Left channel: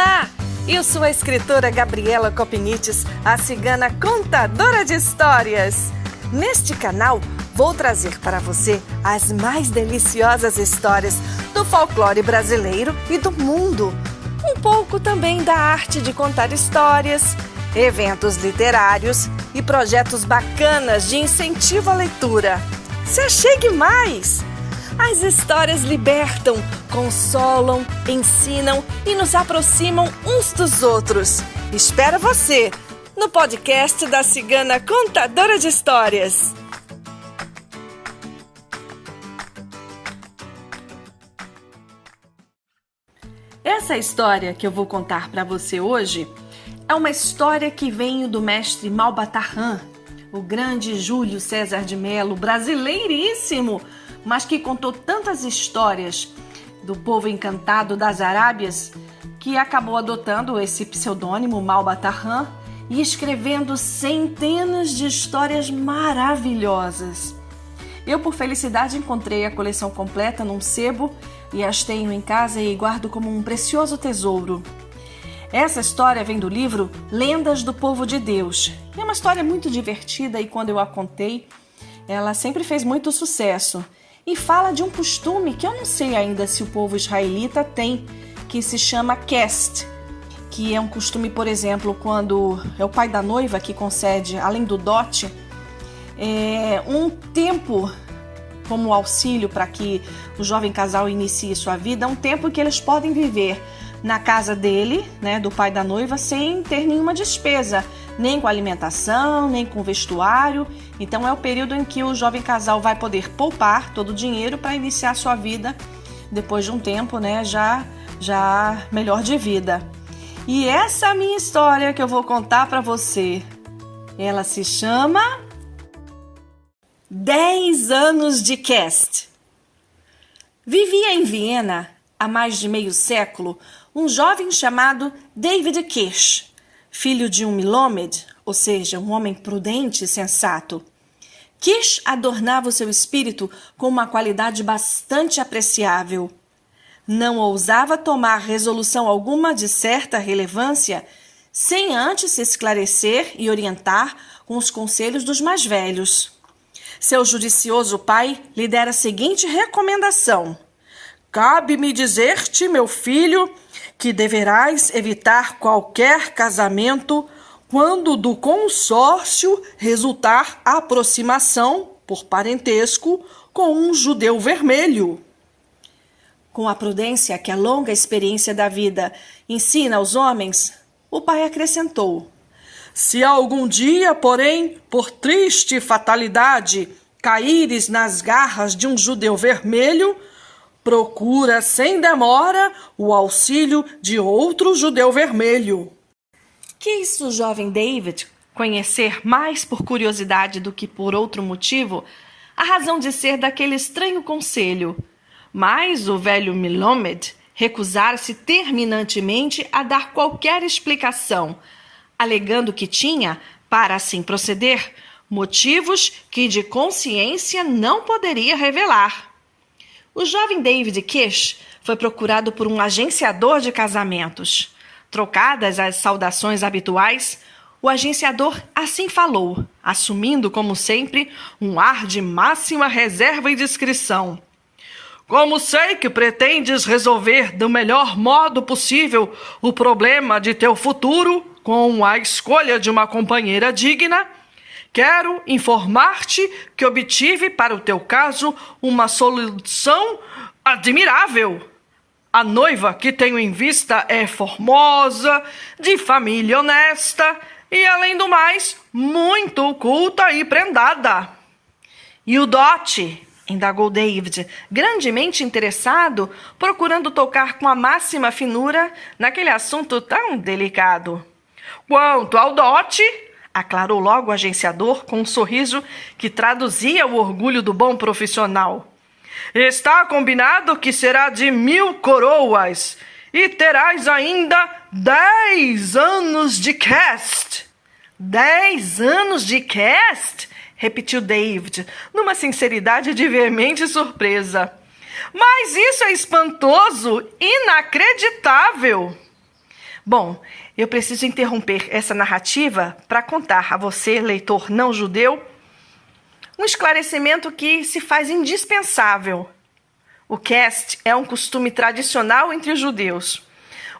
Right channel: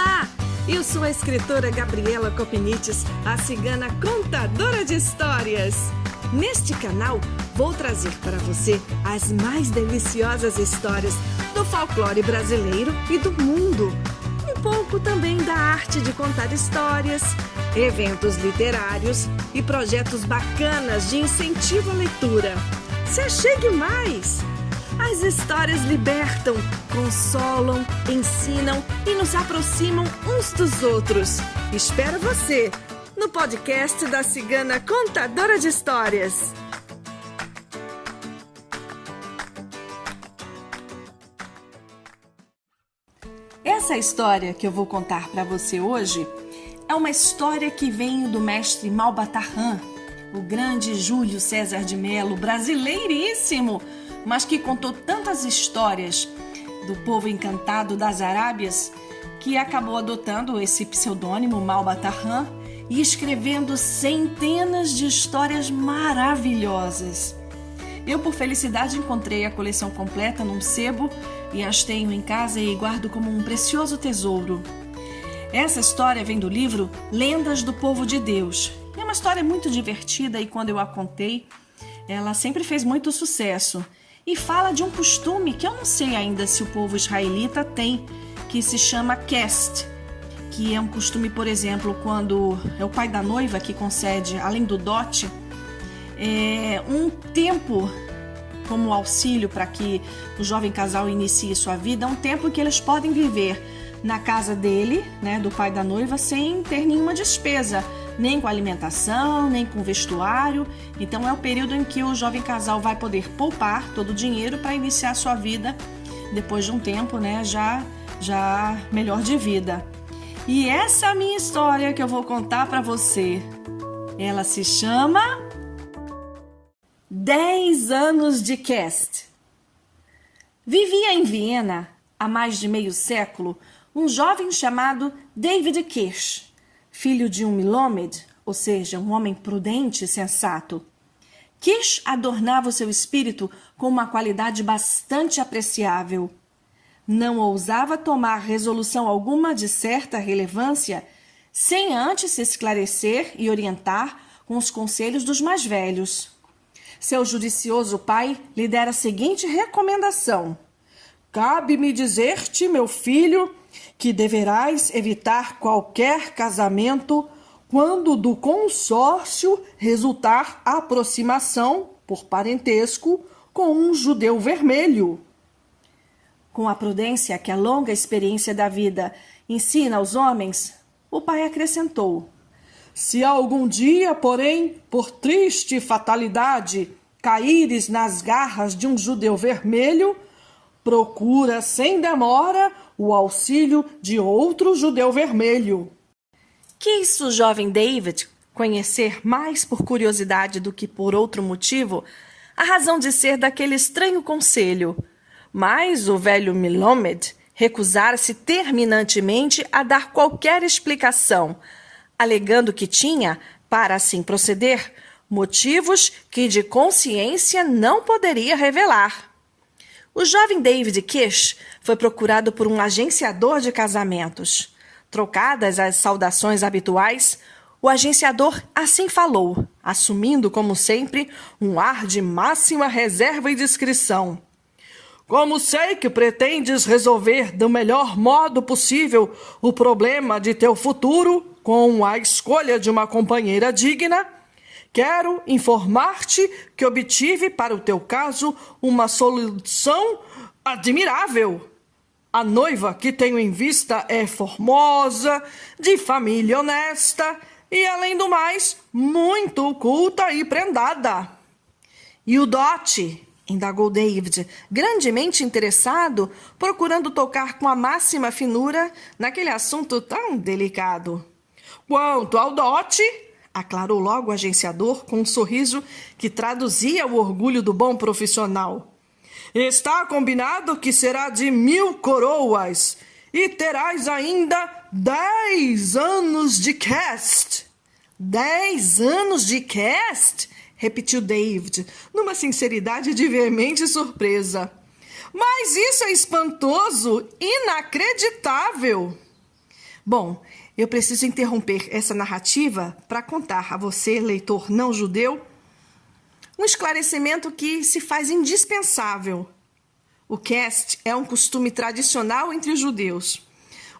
Olá! Eu sou a escritora Gabriela Copinites, a cigana contadora de histórias. Neste canal, vou trazer para você as mais deliciosas histórias do folclore brasileiro e do mundo. Um pouco também da arte de contar histórias, eventos literários e projetos bacanas de incentivo à leitura. Se achegue mais! As histórias libertam, consolam, ensinam e nos aproximam uns dos outros. Espero você no podcast da Cigana Contadora de Histórias. Essa história que eu vou contar para você hoje é uma história que vem do mestre Malbatarran, o grande Júlio César de Melo, brasileiríssimo, mas que contou tantas histórias do povo encantado das Arábias que acabou adotando esse pseudônimo Malbatarran e escrevendo centenas de histórias maravilhosas. Eu, por felicidade, encontrei a coleção completa num sebo e as tenho em casa e guardo como um precioso tesouro. Essa história vem do livro Lendas do Povo de Deus. É uma história muito divertida e quando eu a contei, ela sempre fez muito sucesso. E fala de um costume que eu não sei ainda se o povo israelita tem, que se chama Kest, que é um costume, por exemplo, quando é o pai da noiva que concede, além do dote, um tempo como auxílio para que o jovem casal inicie sua vida, um tempo que eles podem viver na casa dele, né, do pai da noiva, sem ter nenhuma despesa, nem com alimentação, nem com vestuário. Então é o período em que o jovem casal vai poder poupar todo o dinheiro para iniciar sua vida depois de um tempo, né, já melhor de vida. E essa é a minha história que eu vou contar para você. Ela se chama 10 anos de Kest. Vivia em Viena há mais de meio século um jovem chamado David Kirsch, filho de um Milomed, ou seja, um homem prudente e sensato. Kirsch adornava o seu espírito com uma qualidade bastante apreciável. Não ousava tomar resolução alguma de certa relevância sem antes se esclarecer e orientar com os conselhos dos mais velhos. Seu judicioso pai lhe dera a seguinte recomendação: cabe-me dizer-te, meu filho, que deverás evitar qualquer casamento quando do consórcio resultar aproximação, por parentesco, com um judeu vermelho. Com a prudência que a longa experiência da vida ensina aos homens, o pai acrescentou: se algum dia, porém, por triste fatalidade, caíres nas garras de um judeu vermelho, procura sem demora o auxílio de outro judeu vermelho. Quis o jovem David conhecer mais por curiosidade do que por outro motivo a razão de ser daquele estranho conselho, mas o velho Milomed recusara-se terminantemente a dar qualquer explicação, alegando que tinha, para assim proceder, motivos que de consciência não poderia revelar. O jovem David Kirsch foi procurado por um agenciador de casamentos. Trocadas as saudações habituais, o agenciador assim falou, assumindo, como sempre, um ar de máxima reserva e discrição. Como sei que pretendes resolver do melhor modo possível o problema de teu futuro com a escolha de uma companheira digna, quero informar-te que obtive para o teu caso uma solução admirável. A noiva que tenho em vista é formosa, de família honesta e, além do mais, muito culta e prendada. E o dote? Indagou David, grandemente interessado, procurando tocar com a máxima finura naquele assunto tão delicado. Quanto ao dote, aclarou logo o agenciador com um sorriso que traduzia o orgulho do bom profissional. Está combinado que será de 1000 coroas e terás ainda 10 anos de Kest. 10 anos de Kest? Repetiu David, numa sinceridade de veemente surpresa. Mas isso é espantoso, inacreditável. Bom, eu preciso interromper essa narrativa para contar a você, leitor não judeu, um esclarecimento que se faz indispensável. O cast é um costume tradicional entre os judeus.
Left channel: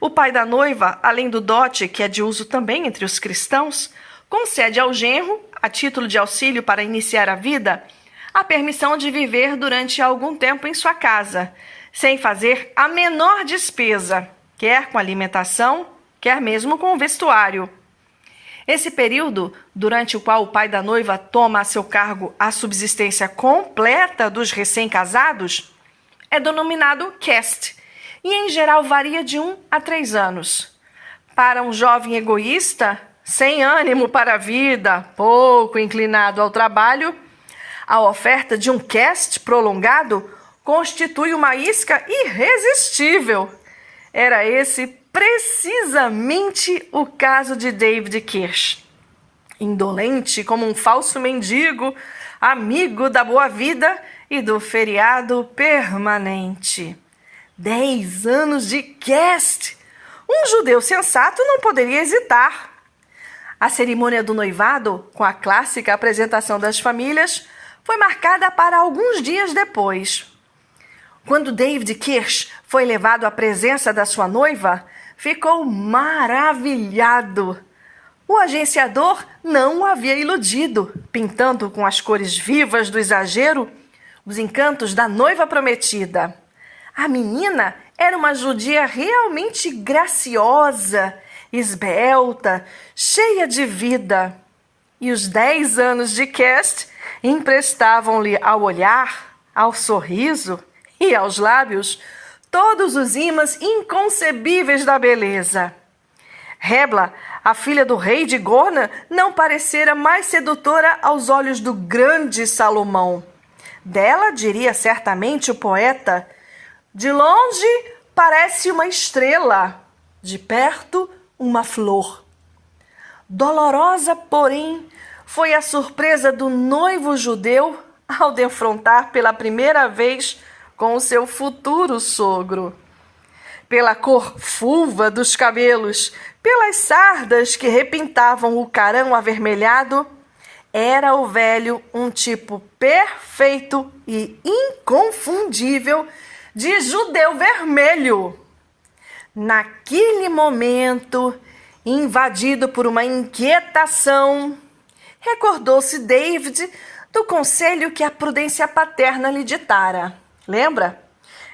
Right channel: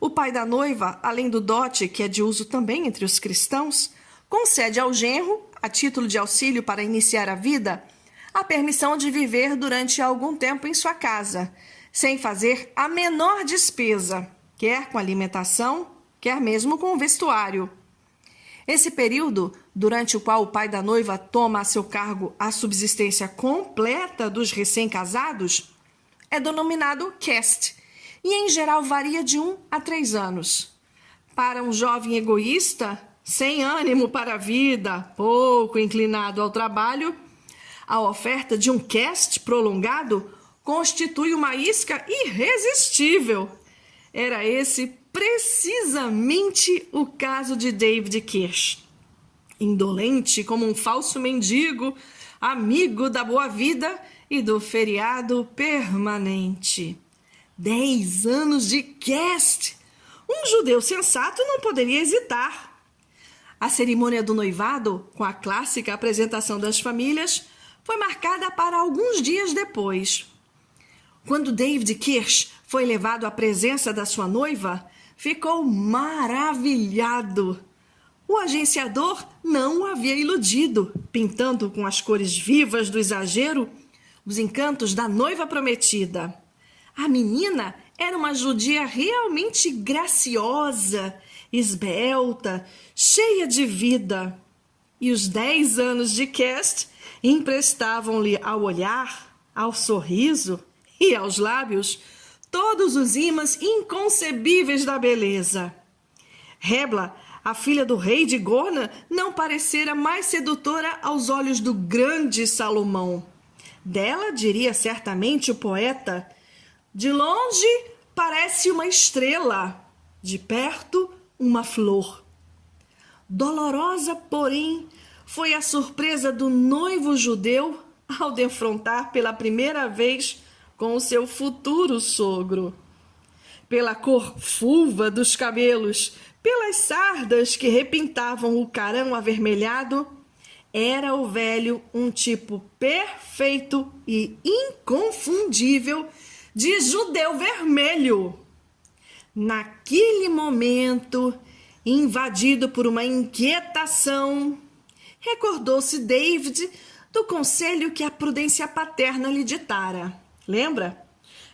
O pai da noiva, além do dote, que é de uso também entre os cristãos, concede ao genro, a título de auxílio para iniciar a vida, a permissão de viver durante algum tempo em sua casa, sem fazer a menor despesa, quer com alimentação, quer mesmo com o vestuário. Esse período, durante o qual o pai da noiva toma a seu cargo a subsistência completa dos recém-casados, é denominado cast, e em geral varia de 1 a 3 anos. Para um jovem egoísta, sem ânimo para a vida, pouco inclinado ao trabalho, a oferta de um cast prolongado constitui uma isca irresistível. Era esse precisamente o caso de David Kirsch. Indolente como um falso mendigo, amigo da boa vida e do feriado permanente. 10 anos de cast! Um judeu sensato não poderia hesitar. A cerimônia do noivado, com a clássica apresentação das famílias, foi marcada para alguns dias depois. Quando David Kirsch foi levado à presença da sua noiva, ficou maravilhado. O agenciador não o havia iludido, pintando com as cores vivas do exagero os encantos da noiva prometida. A menina era uma judia realmente graciosa, esbelta, cheia de vida. E os 10 anos de cast emprestavam-lhe ao olhar, ao sorriso e aos lábios todos os ímãs inconcebíveis da beleza. Hebla, a filha do rei de Gorna, não parecera mais sedutora aos olhos do grande Salomão. Dela diria certamente o poeta: de longe parece uma estrela, de perto uma flor. Dolorosa, porém, foi a surpresa do noivo judeu ao defrontar pela primeira vez com o seu futuro sogro. Pela cor fulva dos cabelos, pelas sardas que repintavam o carão avermelhado, era o velho um tipo perfeito e inconfundível de judeu vermelho. Naquele momento, invadido por uma inquietação, recordou-se David do conselho que a prudência paterna lhe ditara. Lembra?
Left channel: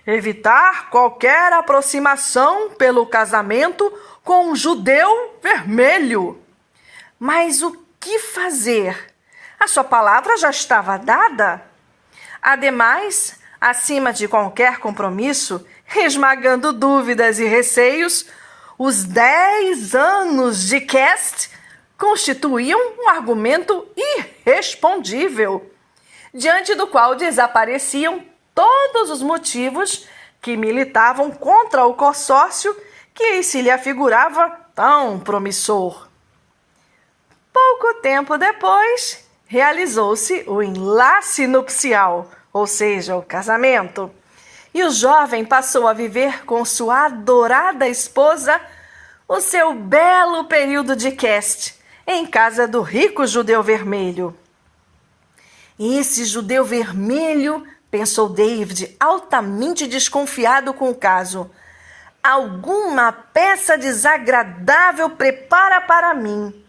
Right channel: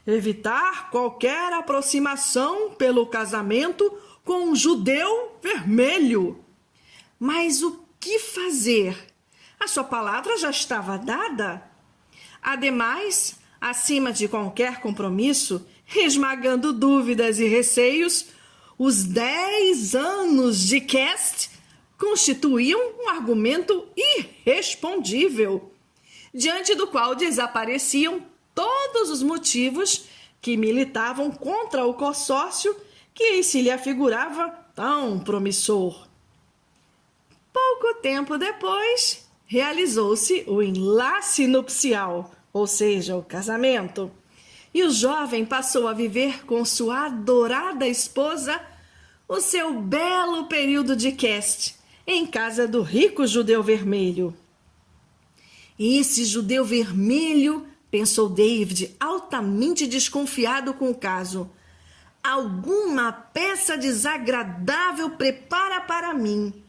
Evitar qualquer aproximação pelo casamento com um judeu vermelho. Mas o que fazer? A sua palavra já estava dada. Ademais, acima de qualquer compromisso, esmagando dúvidas e receios, os 10 anos de cast constituíam um argumento irrespondível, diante do qual desapareciam todos os motivos que militavam contra o consórcio que se lhe afigurava tão promissor. Pouco tempo depois, realizou-se o enlace nupcial, ou seja, o casamento, e o jovem passou a viver com sua adorada esposa o seu belo período de cast em casa do rico judeu vermelho. Esse judeu vermelho, pensou David, altamente desconfiado com o caso, alguma peça desagradável prepara para mim.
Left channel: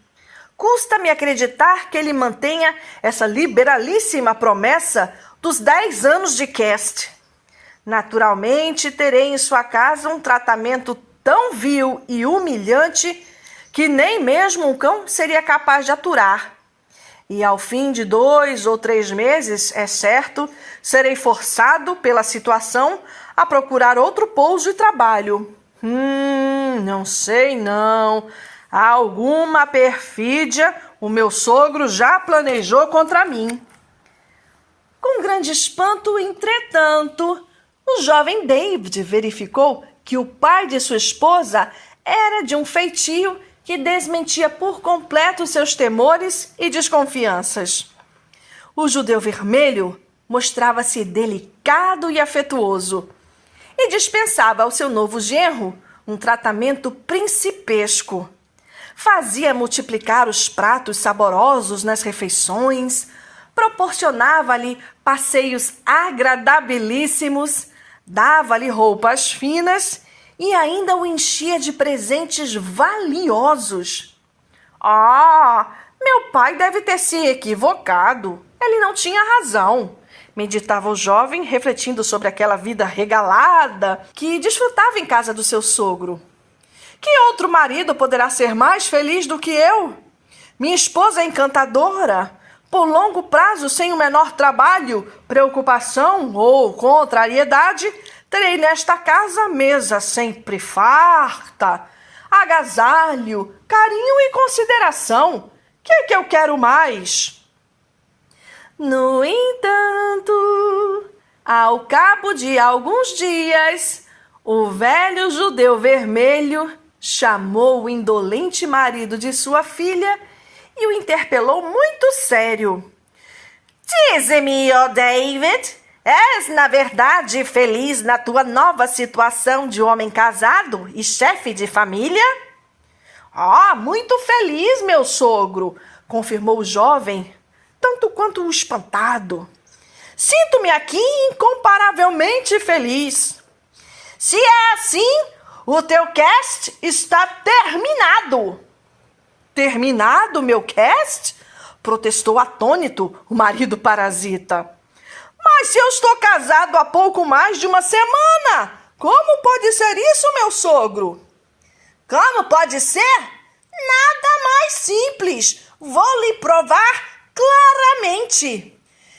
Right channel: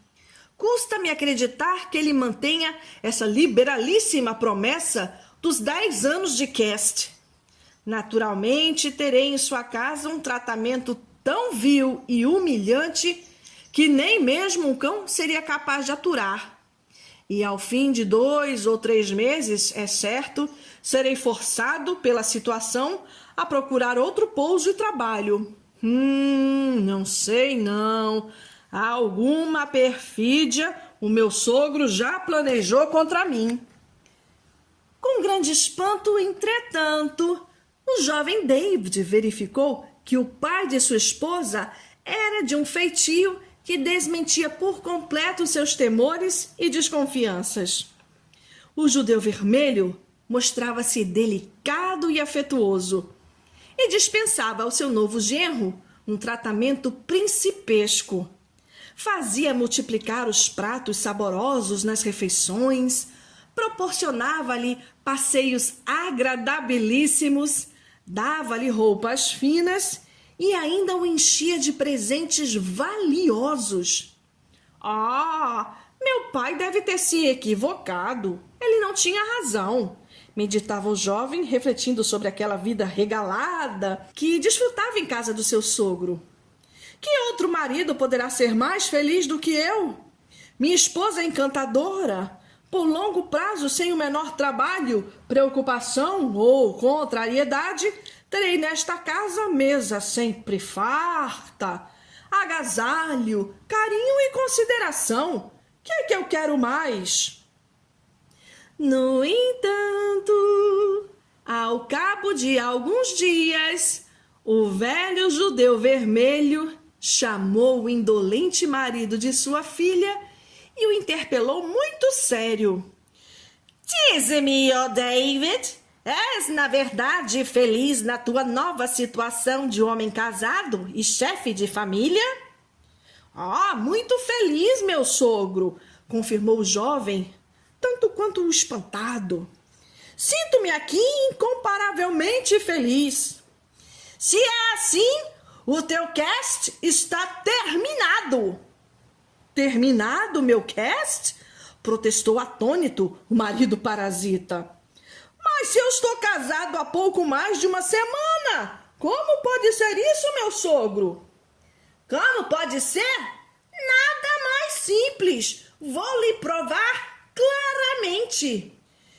Custa-me acreditar que ele mantenha essa liberalíssima promessa dos 10 anos de cast. Naturalmente, terei em sua casa um tratamento tão vil e humilhante que nem mesmo um cão seria capaz de aturar. E ao fim de 2 ou 3 meses, é certo, serei forçado pela situação a procurar outro pouso e trabalho. Não sei não. Alguma perfídia o meu sogro já planejou contra mim. Com grande espanto, entretanto, o jovem David verificou que o pai de sua esposa era de um feitio que desmentia por completo seus temores e desconfianças. O judeu vermelho mostrava-se delicado e afetuoso e dispensava ao seu novo genro um tratamento principesco. Fazia multiplicar os pratos saborosos nas refeições, proporcionava-lhe passeios agradabilíssimos, dava-lhe roupas finas e ainda o enchia de presentes valiosos. Meu pai deve ter se equivocado. Ele não tinha razão, meditava o jovem, refletindo sobre aquela vida regalada que desfrutava em casa do seu sogro. Que outro marido poderá ser mais feliz do que eu? Minha esposa é encantadora. Por longo prazo, sem o menor trabalho, preocupação ou contrariedade, terei nesta casa mesa sempre farta, agasalho, carinho e consideração. Que é que eu quero mais? No entanto, ao cabo de alguns dias, o velho judeu vermelho chamou o indolente marido de sua filha e o interpelou muito sério. Dize-me, ó David, és na verdade feliz na tua nova situação de homem casado e chefe de família? Muito feliz, meu sogro, confirmou o jovem, tanto quanto espantado. Sinto-me aqui incomparavelmente feliz. Se é assim, o teu cast está terminado. Terminado, meu cast? Protestou atônito o marido parasita. Mas se eu estou casado há pouco mais de uma semana, como pode ser isso, meu sogro? Como pode ser? Nada mais simples. Vou lhe provar claramente.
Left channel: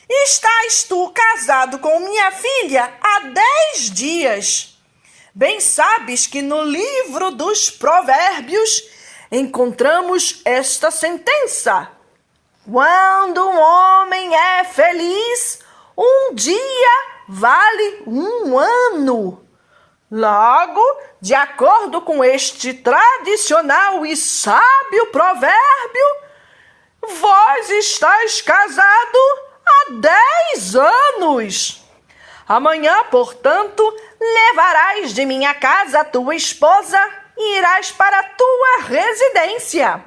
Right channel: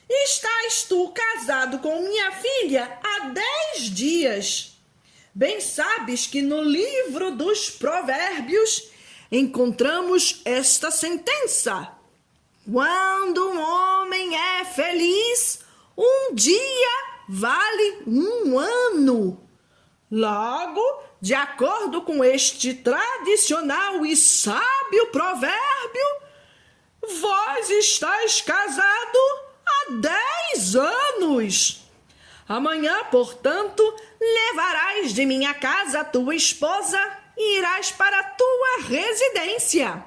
Estás tu casado com minha filha há 10 dias. Bem sabes que no livro dos Provérbios encontramos esta sentença. Quando um homem é feliz, um dia vale um ano. Logo, de acordo com este tradicional e sábio provérbio, vós estáis casado há 10 anos. Amanhã, portanto, levarás de minha casa a tua esposa e irás para a tua residência.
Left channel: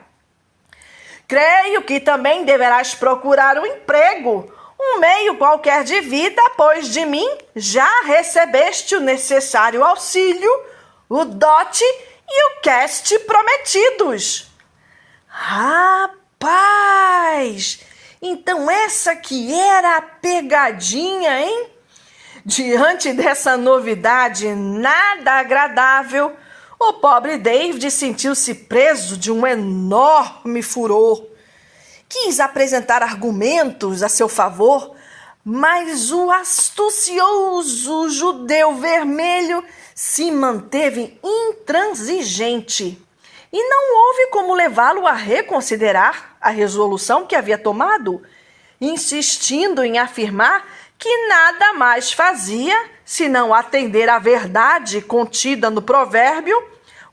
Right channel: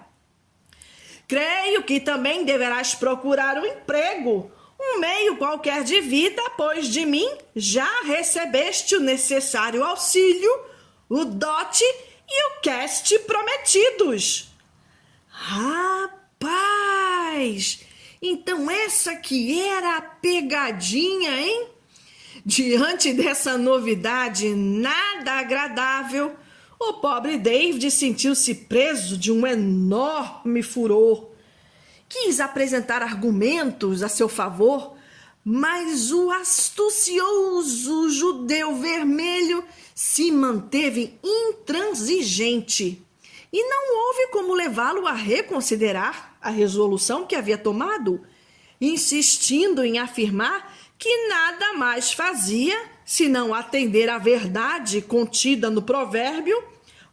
Creio que também deverás procurar um emprego, um meio qualquer de vida, pois de mim já recebeste o necessário auxílio, o dote e o cast prometidos. Rapaz! Então essa que era a pegadinha, hein? Diante dessa novidade nada agradável, o pobre David sentiu-se preso de um enorme furor. Quis apresentar argumentos a seu favor, mas o astucioso judeu vermelho se manteve intransigente e não houve como levá-lo a reconsiderar a resolução que havia tomado, insistindo em afirmar que nada mais fazia senão atender à verdade contida no provérbio:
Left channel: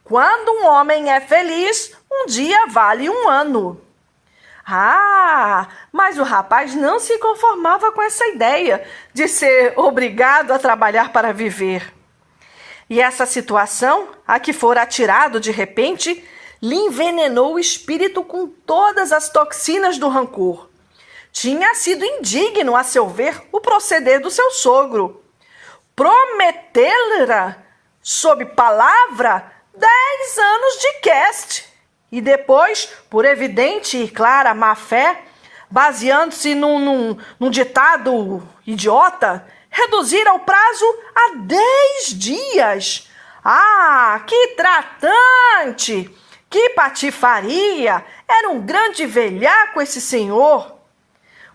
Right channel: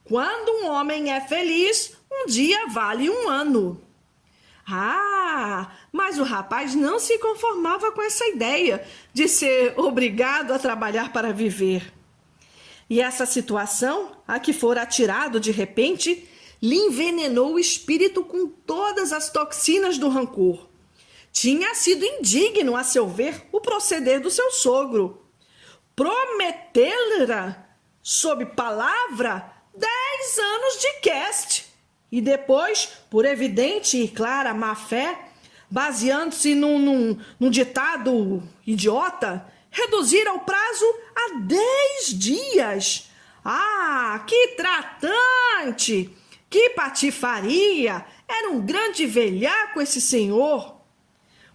quando um homem é feliz, um dia vale um ano. Mas o rapaz não se conformava com essa ideia de ser obrigado a trabalhar para viver. E essa situação, a que fora atirado de repente, lhe envenenou o espírito com todas as toxinas do rancor. Tinha sido indigno, a seu ver, o proceder do seu sogro. Prometê-lhe, sob palavra, 10 anos de cast. E depois, por evidente e clara má-fé, baseando-se num ditado idiota, reduzir ao prazo a 10 dias. Que tratante! Que patifaria! Era um grande velhaco esse senhor.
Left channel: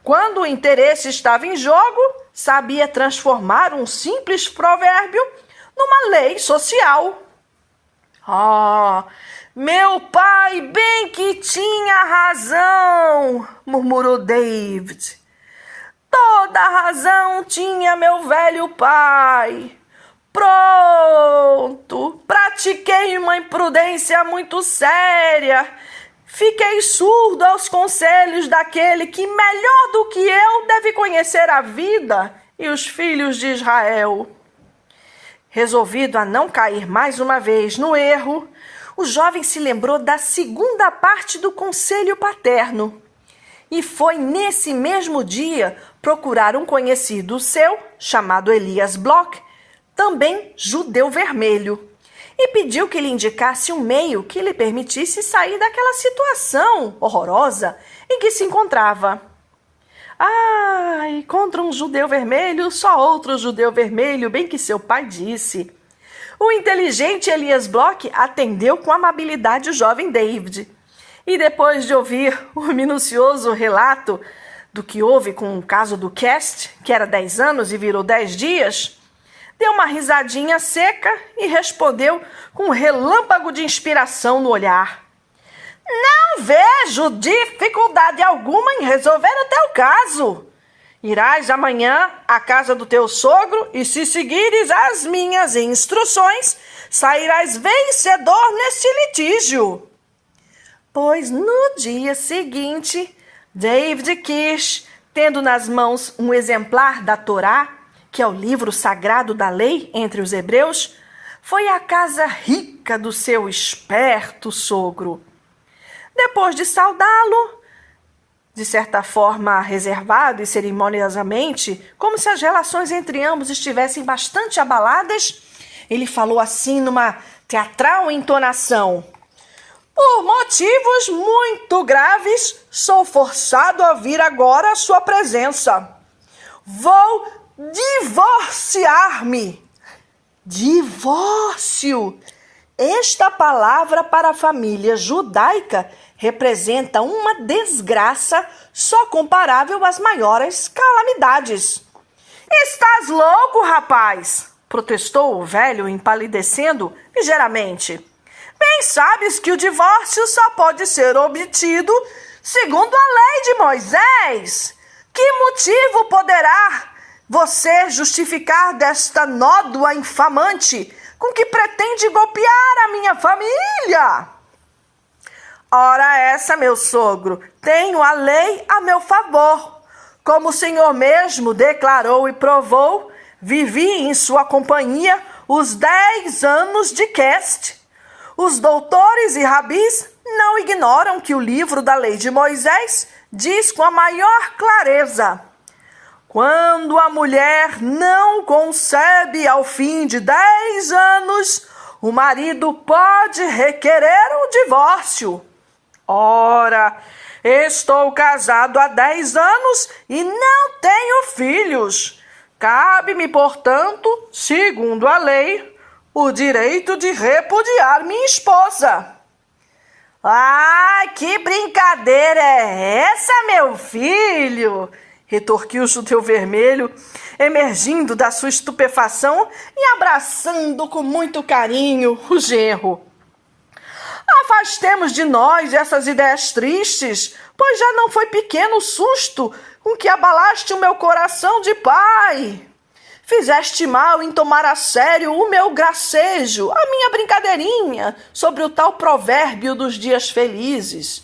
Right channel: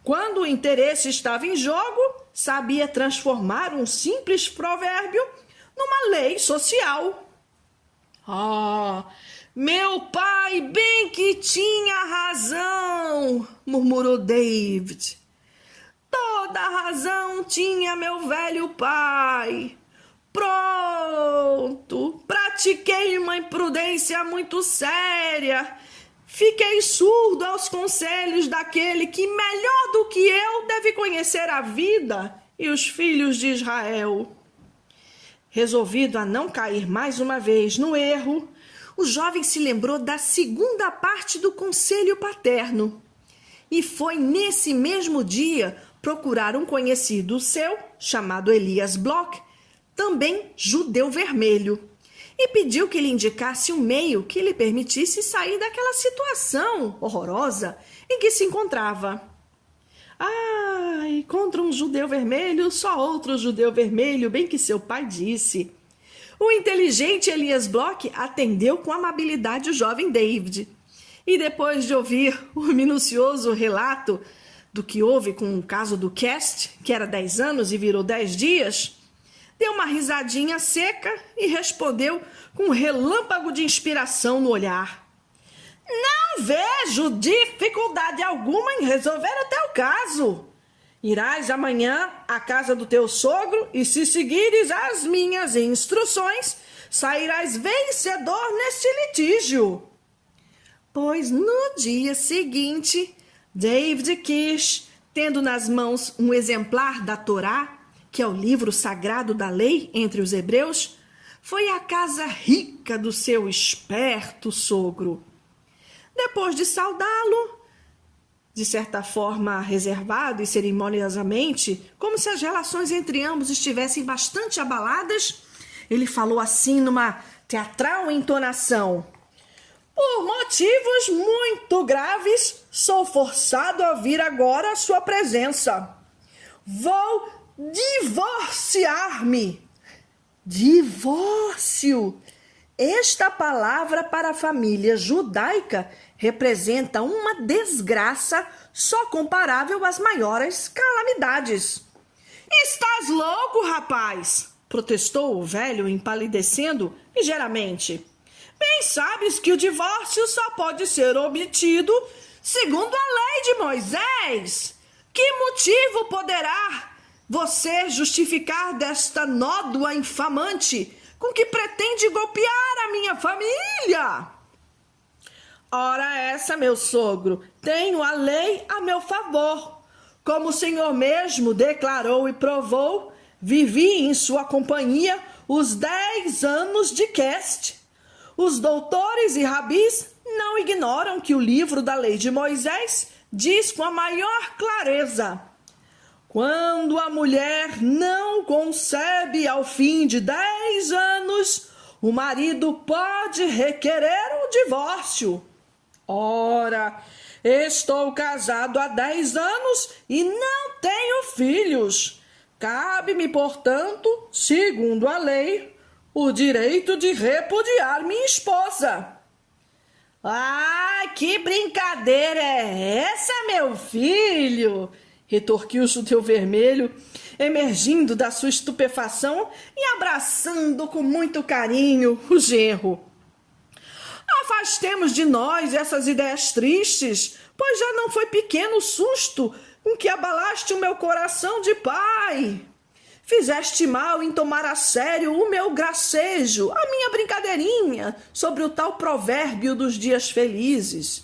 Quando o interesse estava em jogo, sabia transformar um simples provérbio numa lei social. Meu pai bem que tinha razão, murmurou David. Toda a razão tinha meu velho pai. Pronto, pratiquei uma imprudência muito séria. Fiquei surdo aos conselhos daquele que, melhor do que eu, deve conhecer a vida e os filhos de Israel. Resolvido a não cair mais uma vez no erro, o jovem se lembrou da segunda parte do conselho paterno e foi nesse mesmo dia procurar um conhecido seu, chamado Elias Bloch, também judeu vermelho, e pediu que lhe indicasse um meio que lhe permitisse sair daquela situação horrorosa em que se encontrava. Contra um judeu vermelho, só outro judeu vermelho, bem que seu pai disse. O inteligente Elias Bloch atendeu com amabilidade o jovem David. E depois de ouvir o minucioso relato do que houve com o caso do Cast, que era 10 anos e virou 10 dias, deu uma risadinha seca e respondeu com um relâmpago de inspiração no olhar. Não vejo dificuldade alguma em resolver o teu caso. Irás amanhã à casa do teu sogro e, se seguires as minhas instruções, sairás vencedor neste litígio. Pois no dia seguinte, David Kish, tendo nas mãos um exemplar da Torá, que é o livro sagrado da lei entre os hebreus, foi à casa rica do seu esperto sogro. Depois de saudá-lo, de certa forma reservado e cerimoniosamente, como se as relações entre ambos estivessem bastante abaladas, ele falou assim numa teatral entonação: por motivos muito graves, sou forçado a vir agora à sua presença. Vou divorciar-me. Divórcio! Esta palavra para a família judaica representa uma desgraça só comparável às maiores calamidades. Estás louco, rapaz? Protestou o velho, empalidecendo ligeiramente. Bem sabes que o divórcio só pode ser obtido segundo a lei de Moisés. Que motivo poderá você justificar desta nódoa infamante com que pretende golpear a minha família? Ora essa, meu sogro, tenho a lei a meu favor. Como o senhor mesmo declarou e provou, vivi em sua companhia os 10 anos de Cast. Os doutores e rabis não ignoram que o livro da lei de Moisés diz com a maior clareza: quando a mulher não concebe ao fim de 10 anos, o marido pode requerer o divórcio. Ora, estou casado há 10 anos e não tenho filhos. Cabe-me, portanto, segundo a lei, o direito de repudiar minha esposa. Que brincadeira é essa, meu filho? Retorquiu o judeu vermelho, emergindo da sua estupefação e abraçando com muito carinho o genro. Afastemos de nós essas ideias tristes, pois já não foi pequeno o susto com que abalaste o meu coração de pai. Fizeste mal em tomar a sério o meu gracejo, a minha brincadeirinha sobre o tal provérbio dos dias felizes.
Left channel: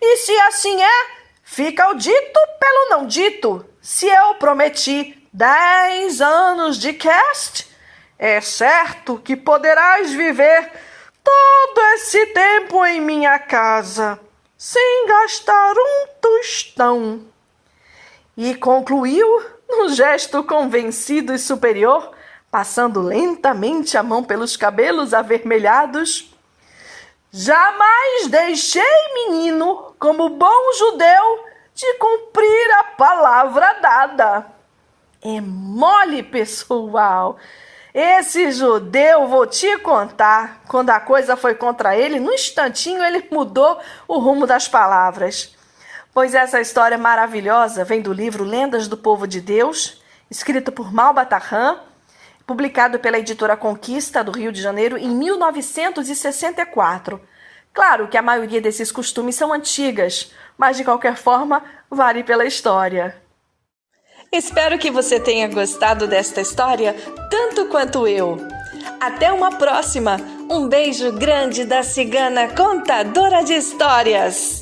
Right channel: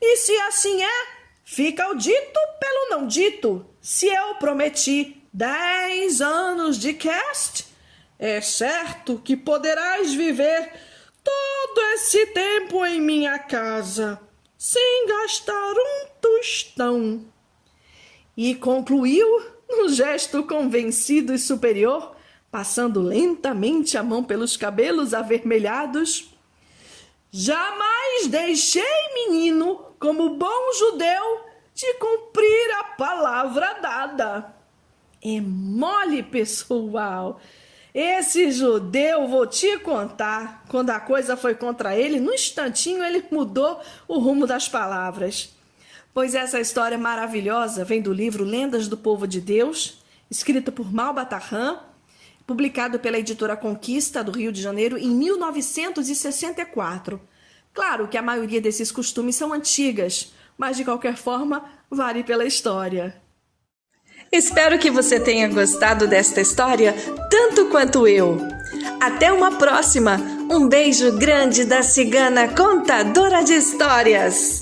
E se assim é, fica o dito pelo não dito. Se eu prometi 10 anos de Cast, é certo que poderás viver todo esse tempo em minha casa, sem gastar um tostão. E concluiu num gesto convencido e superior, passando lentamente a mão pelos cabelos avermelhados. Jamais deixei, menino, como bom judeu, de cumprir a palavra dada. É mole, pessoal. Esse judeu, vou te contar, quando a coisa foi contra ele, num instantinho ele mudou o rumo das palavras. Pois essa história maravilhosa vem do livro Lendas do Povo de Deus, escrito por Malba Tahan, publicado pela editora Conquista do Rio de Janeiro em 1964. Claro que a maioria desses costumes são antigas, mas de qualquer forma vale pela história. Espero que você tenha gostado desta história tanto quanto eu. Até uma próxima! Um beijo grande da cigana contadora de histórias!